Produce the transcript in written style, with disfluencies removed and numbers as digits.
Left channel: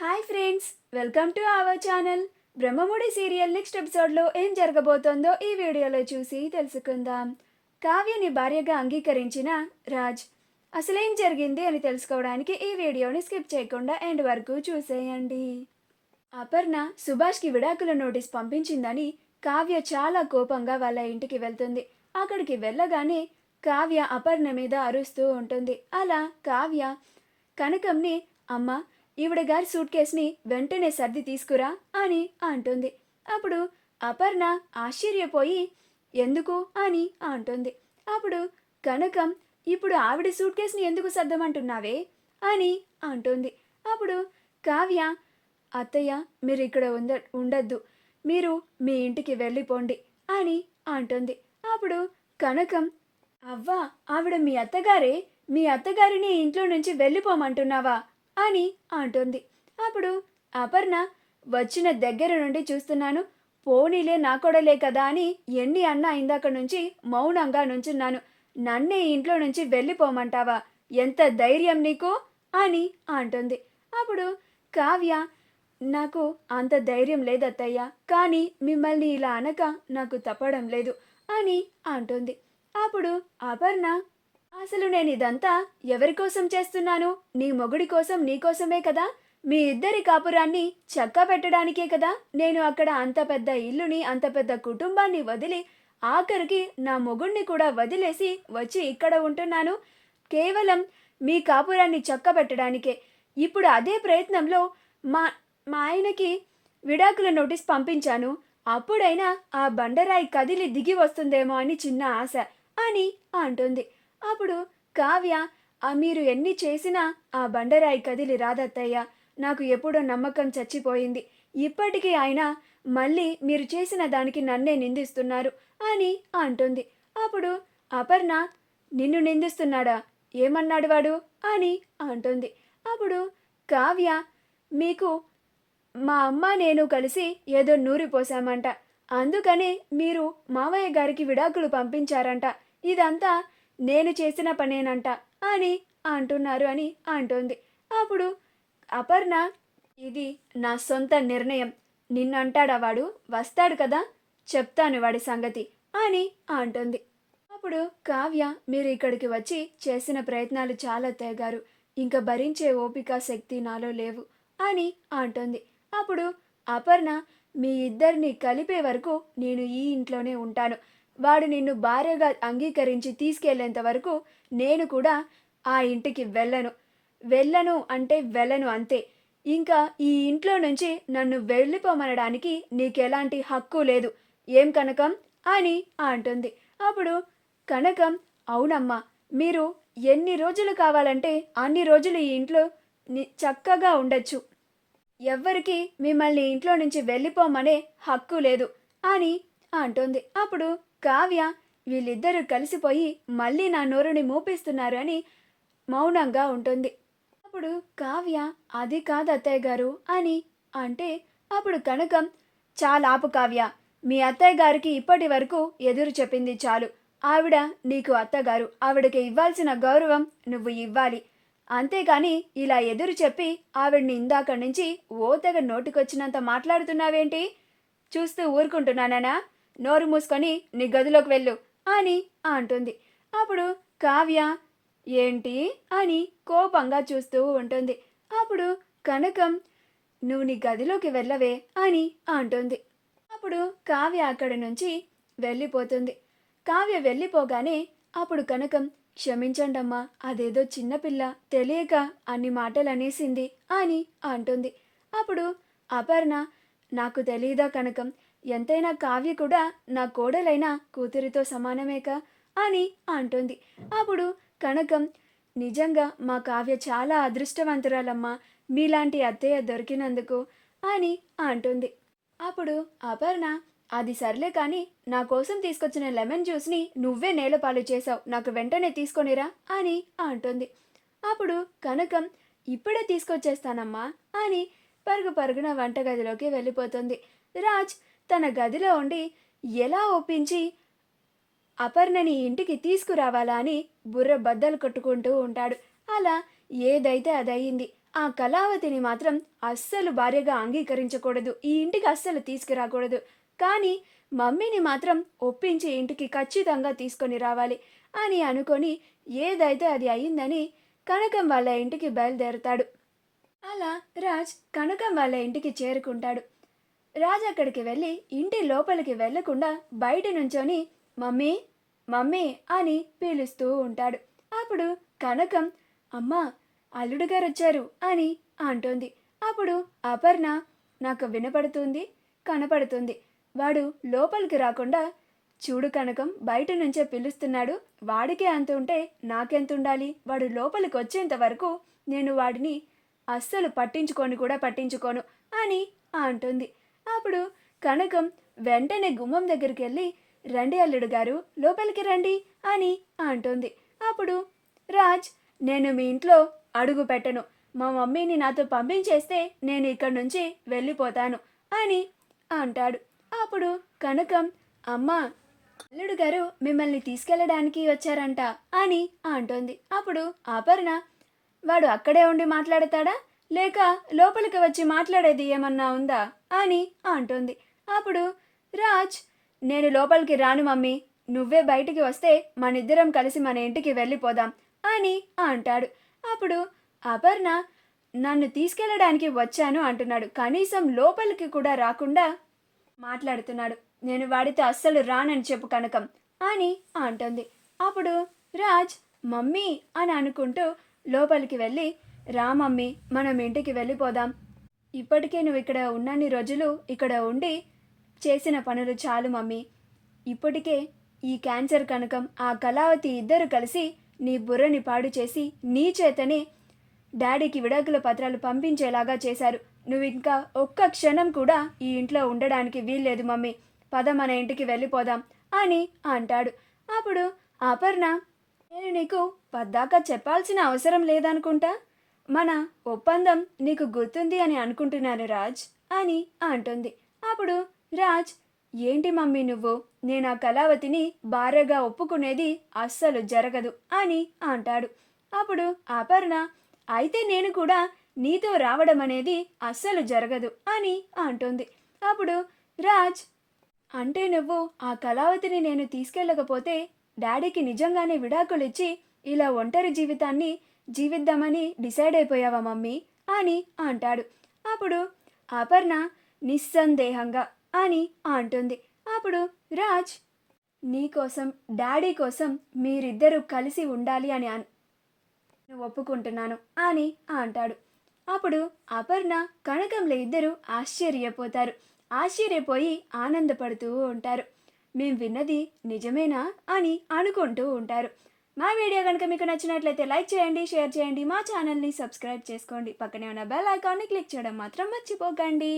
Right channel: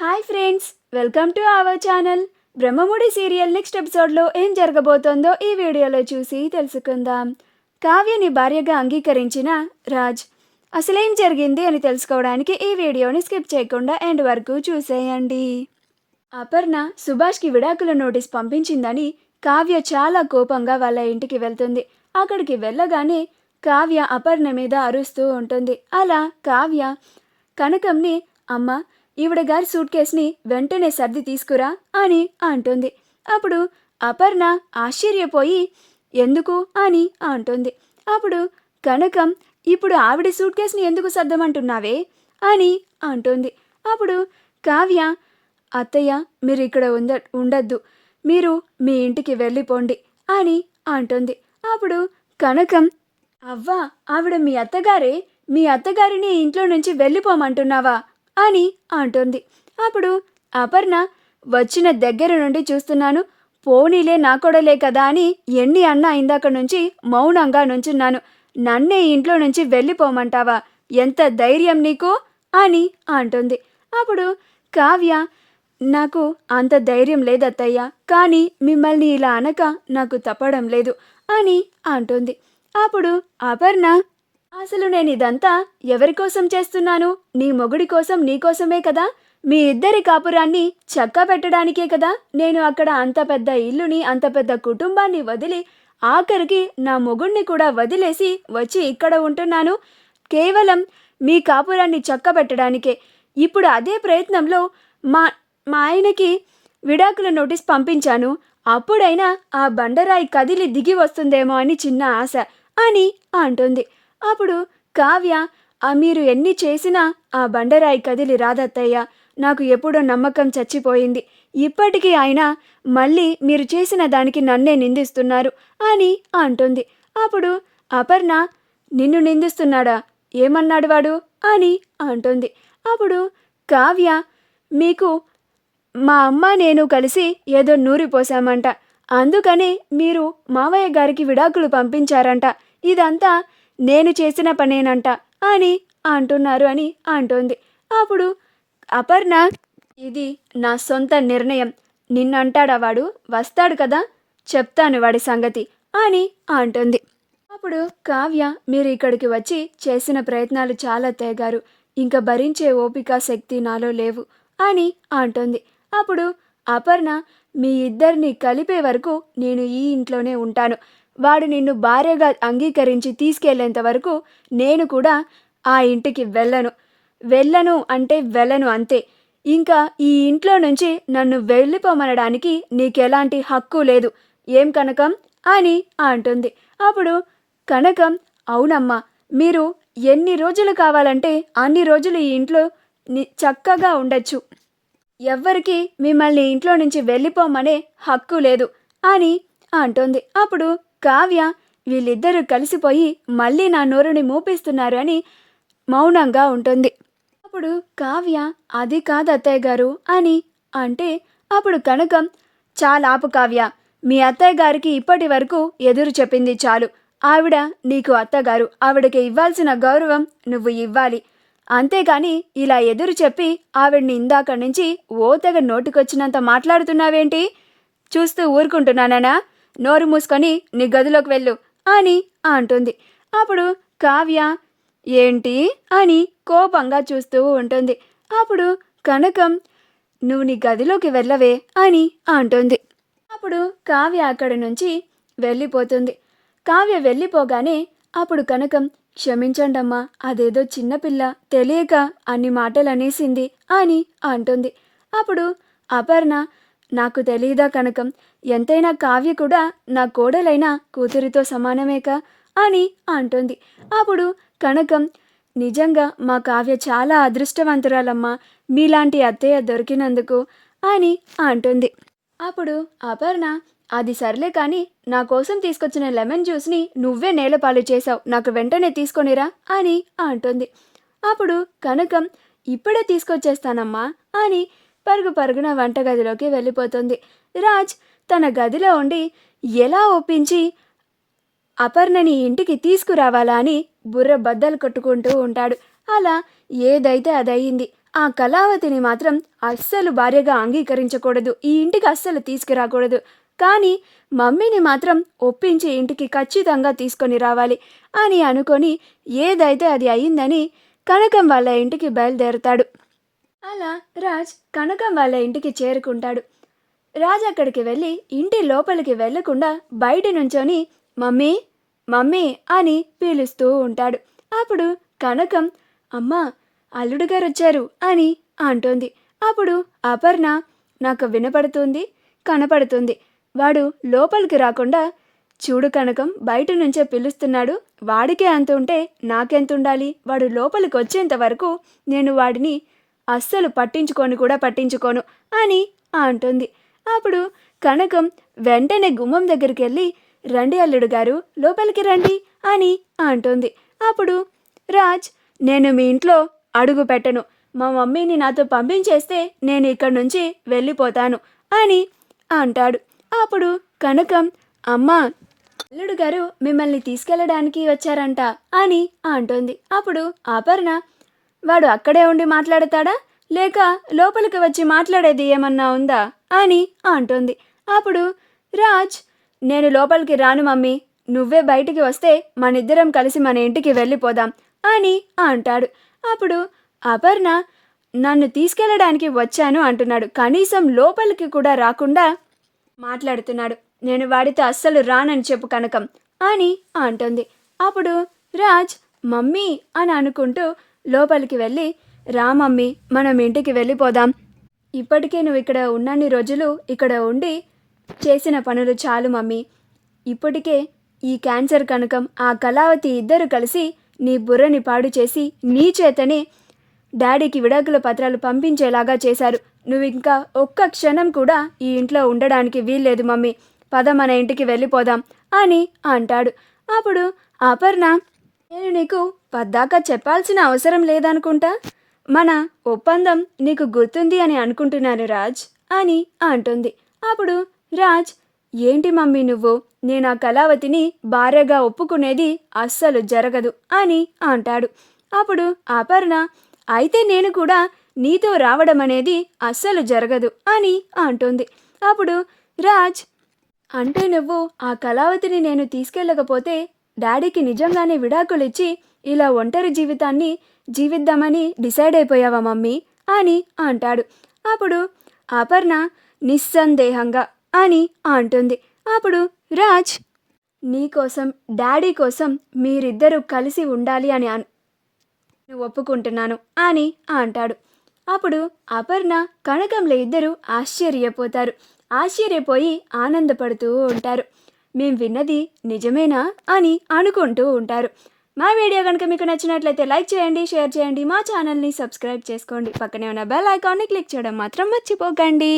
Hi friends, welcome to our channel. Brahmamudi serial next ఎపిసోడ్లో ఏం జరగబోతోందో ఈ వీడియోలో చూసి తెలుసుకుందాం. కావ్యని భార్యగా అంగీకరించిన రాజ్ అసలేం జరిగింది అని తెలుసుకోవడానికి ఈ వీడియోని స్కిప్ చేయకుండా ఎండ్ వరకు చూసేయండి. అపర్ణ సుభాష్కి విడాకుల నోటీస్ పంపించిందని కావ్య చాలా కోపంగా వాళ్ళ ఇంటికి వెళ్తుంది. అక్కడికి వెళ్ళగానే కావ్య అపర్ణ మీద అరుస్తూ ఉంటుంది. అలా కావ్య కనకంని, అమ్మ ఈవిడ గారి సూట్ కేసుని వెంటనే సర్ది తీసుకురా అని అంటుంది. అప్పుడు అపర్ణ ఆశ్చర్యపోయి ఎందుకు అని అంటుంది. అప్పుడు కనకం, ఇప్పుడు ఆవిడ సూట్ కేసుని ఎందుకు సర్దమంటున్నావే అని అంటుంది. అప్పుడు కావ్య, అత్తయ్య మీరు ఇక్కడ ఉండద్దు, మీరు మీ ఇంటికి వెళ్ళిపోండి అని అంటుంది. అప్పుడు కనకం, అవ్వా ఆవిడ మీ అత్తగారే, మీ అత్తగారిని ఇంట్లో నుంచి వెళ్ళిపోమంటున్నావా అని అంటుంది. అప్పుడు అపర్ణ, వచ్చిన దగ్గర నుండి చూస్తున్నాను, పోనీలే నా కొడలే కదా అని ఎన్ని అన్నా ఇందాక నుంచి మౌనంగా నుంచున్నాను, నన్నే ఇంట్లో నుంచి వెళ్ళిపోమంటావా, ఎంత ధైర్యం నీకు అని అంటుంది. అప్పుడు కావ్య, నాకు అంత ధైర్యం లేదత్తయ్య, కానీ మిమ్మల్ని ఇలా అనక నాకు తప్పడం లేదు అని అంటుంది. అప్పుడు అపర్ణ, అసలు నేను ఇదంతా ఎవరి కోసం చేస్తున్నాను? నీ మొగుడి కోసం, నీకోసమే కదా. మీ ఇద్దరి కాపురాన్ని చక్కా పెట్టడానికే కదా నేను అక్కడ అంత పెద్ద ఇల్లుని, అంత పెద్ద కుటుంబాన్ని వదిలి, ఆఖరికి నా మొగుడిని కూడా వదిలేసి వచ్చి ఇక్కడ ఉంటున్నాను, కేవలం మీ కాపురాన్ని చక్కబెట్టడానికే. ఇప్పుడు అదే ప్రయత్నంలో మా మా ఆయనకి విడాకుల నోటీస్ పంపించాను. అప్పుడైనా ఆ బండరాయి కదిలి దిగి వస్తుందేమో అని చిన్న ఆశ అని అంటుంది. అప్పుడు కావ్య, మీరు ఎన్ని చేసినా ఆ బండరాయి కదిలి రాదత్తయ్య, నాకు ఎప్పుడో నమ్మకం చచ్చిపోయింది. ఇప్పటికీ ఆయన మళ్ళీ మీరు చేసిన దానికి నన్నే నిందిస్తున్నారు అని అంటుంది. అప్పుడు అపర్ణ, నిన్ను నిందిస్తున్నాడా? ఏమన్నాడు వాడు అని అంటుంది. అప్పుడు కావ్య, మీకు మా అమ్మ నేను కలిసి ఏదో నూరిపోసామంట, అందుకని మీరు మావయ్య గారికి విడాకులు పంపించారంట, ఇదంతా నేను చేసిన పనేనంట అని అంటున్నారు అని అంటుంది. అప్పుడు అపర్ణ, ఇది నా సొంత నిర్ణయం, నిన్నంటాడా వాడు? వస్తాడు కదా, చెప్తాను వాడి సంగతి అని అంటుంది. అప్పుడు కావ్య, మీరు ఇక్కడికి వచ్చి చేసిన ప్రయత్నాలు చాలా తేగారు, ఇంకా భరించే ఓపిక శక్తి నాలో లేవు అని అంటుంది. అప్పుడు అపర్ణ, మీ ఇద్దరిని కలిపే వరకు నేను ఈ ఇంట్లోనే ఉంటాను, వాడు నిన్ను భార్యగా అంగీకరించి తీసుకెళ్లేంత వరకు నేను కూడా ఆ ఇంటికి వెళ్ళను అంటే వెళ్ళను అంతే. ఇంకా ఈ ఇంట్లో నుంచి నన్ను వెళ్ళిపోమనడానికి నీకెలాంటి హక్కు లేదు, ఏం కనకం అని అంటుంది. అప్పుడు కనకం, అవునమ్మా, మీరు ఎన్ని రోజులు కావాలంటే అన్ని రోజులు ఈ ఇంట్లో చక్కగా ఉండొచ్చు, ఎవ్వరికి మిమ్మల్ని ఇంట్లో నుంచి వెళ్ళిపోమనే హక్కు లేదు అని అంటుంది. అప్పుడు కావ్య, వీళ్ళిద్దరూ కలిసిపోయి మళ్ళీ నా నోరుని మూపిస్తున్నారు అని మౌనంగా ఉంటుంది. అప్పుడు కావ్య, అది కాదు అత్తయ్య గారు అని అంటే, అప్పుడు కనకం, చాలా ఆపు కావ్య, మీ అత్తయ్య గారికి ఇప్పటి వరకు ఎదురు చెప్పింది చాలు, ఆవిడ నీకు అత్తగారు, ఆవిడకి ఇవ్వాల్సిన గౌరవం నువ్వు ఇవ్వాలి, అంతేగాని ఇలా ఎదురు చెప్పి ఆవిడ్ని ఇందాక నుంచి ఓతగ నోటికొచ్చినంత మాట్లాడుతున్నావేంటి? చూస్తూ ఊరుకుంటున్నానా? నోరు మూసుకొని నీ గదిలోకి వెళ్ళు అని అంటుంది. అప్పుడు కావ్య, ఏంటి అని కోపంగా చూస్తూ ఉంటుంది. అప్పుడు కనకం, నువ్వు నీ గదిలోకి వెళ్ళవే అని అంటుంది. అప్పుడు కావ్య అక్కడి నుంచి వెళ్ళిపోతుంది. కావ్య వెళ్ళిపోగానే అప్పుడు కనకం, క్షమించండమ్మా, అదేదో చిన్నపిల్ల తెలియక అన్ని మాటలు అనేసింది అని అంటుంది. అప్పుడు అపర్ణ, నాకు తెలీదా కనకం, ఎంతైనా కావ్య కూడా నా కోడలైన కూతురితో సమానమేక అని అంటుంది. అప్పుడు కనకం, నిజంగా మా కావ్య చాలా అదృష్టవంతురాలమ్మా, మీలాంటి అత్తయ్య దొరికినందుకు అని అంటుంది. అప్పుడు అపర్ణ, అది సర్లే కానీ నా కోసం తీసుకొచ్చిన లెమన్ జ్యూస్ని నువ్వే నేలపాలు చేసావు, నాకు వెంటనే తీసుకొనిరా అని అంటుంది. అప్పుడు కనకం, ఇప్పుడే తీసుకొచ్చేస్తానమ్మా అని పరుగు పరుగున వంటగదిలోకి వెళ్ళిపోతుంది. రాజ్ తన గదిలో ఉండి ఎలా ఒప్పించి అపర్ణని ఇంటికి తీసుకురావాలా అని బుర్ర బద్దలు కొట్టుకుంటూ ఉంటాడు. అలా ఏదైతే అదయింది. ఆ కళావతిని మాత్రం అస్సలు భార్యగా అంగీకరించకూడదు, ఈ ఇంటికి అస్సలు తీసుకురాకూడదు. కానీ మమ్మీని మాత్రం ఒప్పించి ఇంటికి ఖచ్చితంగా తీసుకొని రావాలి అని అనుకొని ఏదైతే అది అయిందని కనకం వాళ్ళ ఇంటికి బయలుదేరుతాడు. అలా రాజ్ కనకం వాళ్ళ ఇంటికి చేరుకుంటాడు. రాజ్ అక్కడికి వెళ్ళి ఇంటి లోపలికి వెళ్లకుండా బయట నుంచొని మమ్మీ మమ్మీ అని పిలుస్తూ ఉంటాడు. అప్పుడు కనకం అమ్మా అల్లుడు గారు వచ్చారు అని అంటోంది. అప్పుడు అపర్ణ నాకు వినపడుతుంది, కనపడుతుంది, వాడు లోపలికి రాకుండా చూడు కనకం బయట నుంచే పిలుస్తున్నాడు, వాడికే అంత ఉంటే నాకెంత ఉండాలి, వాడు లోపలికి వచ్చేంత వరకు నేను వాడిని అస్సలు పట్టించుకోను అని అంటుంది. అప్పుడు కనకం వెంటనే గుమ్మం దగ్గరికి వెళ్ళి రండి అల్లుడు గారు లోపలికి రండి అని అంటుంది. అప్పుడు రాజ్ నేను మీ ఇంట్లో అడుగు పెట్టను, మా మమ్మీని నాతో పంపించేస్తే నేను ఇక్కడి నుంచి వెళ్ళిపోతాను అని అంటాడు. అప్పుడు కనకం అమ్మా అల్లుడు గారు మిమ్మల్ని తీసుకెళ్ళడానికి వచ్చారంట అని అంటుంది. అప్పుడు అపర్ణ వాడు అక్కడే ఉండి మాట్లాడతాడా లేక లోపలికి వచ్చి మాట్లాడేది ఏమన్నా ఉందా అని అంటుంది. అప్పుడు రాజ్ నేను లోపలికి రాను మమ్మీ, నువ్వే బయటికి వస్తే మనిద్దరం కలిసి మన ఇంటికి వెళ్ళిపోదాం అని అంటాడు. అప్పుడు అపర్ణ నన్ను తీసుకెళ్ళడానికి వచ్చాను అంటున్నాడు, కనీసం లోపలికి కూడా రాకుండా మాట్లాడుతున్నాడు, నేను వాడితో అస్సలు రానని చెప్పు కనకం అని అంటుంది. అప్పుడు రాజ్ మమ్మీ అని అనుకుంటూ లోపలికి వెళ్ళి రా మమ్మీ మనం ఇంటికి వెళ్ళిపోదాం, ఇప్పటికే నువ్వు ఇక్కడ ఉన్నన్ని రోజులు ఇక్కడ ఉండి చేసిన పనులు చాలు మమ్మీ, ఇప్పటికే ఈ క్యాన్సర్ కనకం ఆ కళావతి ఇద్దరు కలిసి నీ బుర్రని పాడు చేసి నీ చేతనే డాడీకి విడాకుల పత్రాలు పంపించేలాగా చేశారు, నువ్వు ఇంకా ఒక్క క్షణం కూడా ఈ ఇంట్లో ఉండడానికి వీల్లేదు మమ్మీ, పద మన ఇంటికి వెళ్ళిపోదాం అని అంటాడు. అప్పుడు అపర్ణ నేను నీకు పద్దాకా చెప్పాల్సిన అవసరం లేదనుకుంటా, మన ఒప్పందం నీకు గుర్తుంది అని అనుకుంటున్నాను రాజ్ అని అంటుంది. అప్పుడు రాజ్ ఏంటి మమ్మీ నువ్వు, నేను ఆ కళావతిని భార్యగా ఒప్పుకునేది అస్సలు జరగదు అని అంటాడు. అప్పుడు అపర్ణ అయితే నేను కూడా నీతో రావడం అనేది అస్సలు జరగదు అని అంటుంది. అప్పుడు రాజ్ అంటే నువ్వు ఆ కళావతిని నేను తీసుకెళ్ళకపోతే డాడీకి నిజంగానే విడాకులు ఇచ్చి ఇలా ఒంటరి జీవితాన్ని జీవిద్దామని డిసైడ్ అయిపోయావా మమ్మీ అని అంటాడు. అప్పుడు అపర్ణ నిస్సందేహంగా అని అంటుంది. అప్పుడు రాజ్ నీకోసం డాడీ కోసం మీరిద్దరూ కలిసి ఉండాలి అని ఒప్పుకుంటున్నాను అని అంటాడు. అప్పుడు అపర్ణ కనకంలో ఇద్దరు ఆశ్చర్యపోతారు. ఆశ్చర్యపోయి ఆనందపడుతూ ఉంటారు. మేం విన్నది నిజమేనా అని అనుకుంటూ ఉంటారు. మా వీడియో కనుక మీకు నచ్చినట్లయితే లైక్ చేయండి, షేర్ చేయండి, మా ఛానల్ని సబ్స్క్రైబ్ చేసుకోండి, పక్కనే ఉన్న బెల్ ఐకాన్ని క్లిక్ చేయడం మాత్రం మర్చిపోకండి.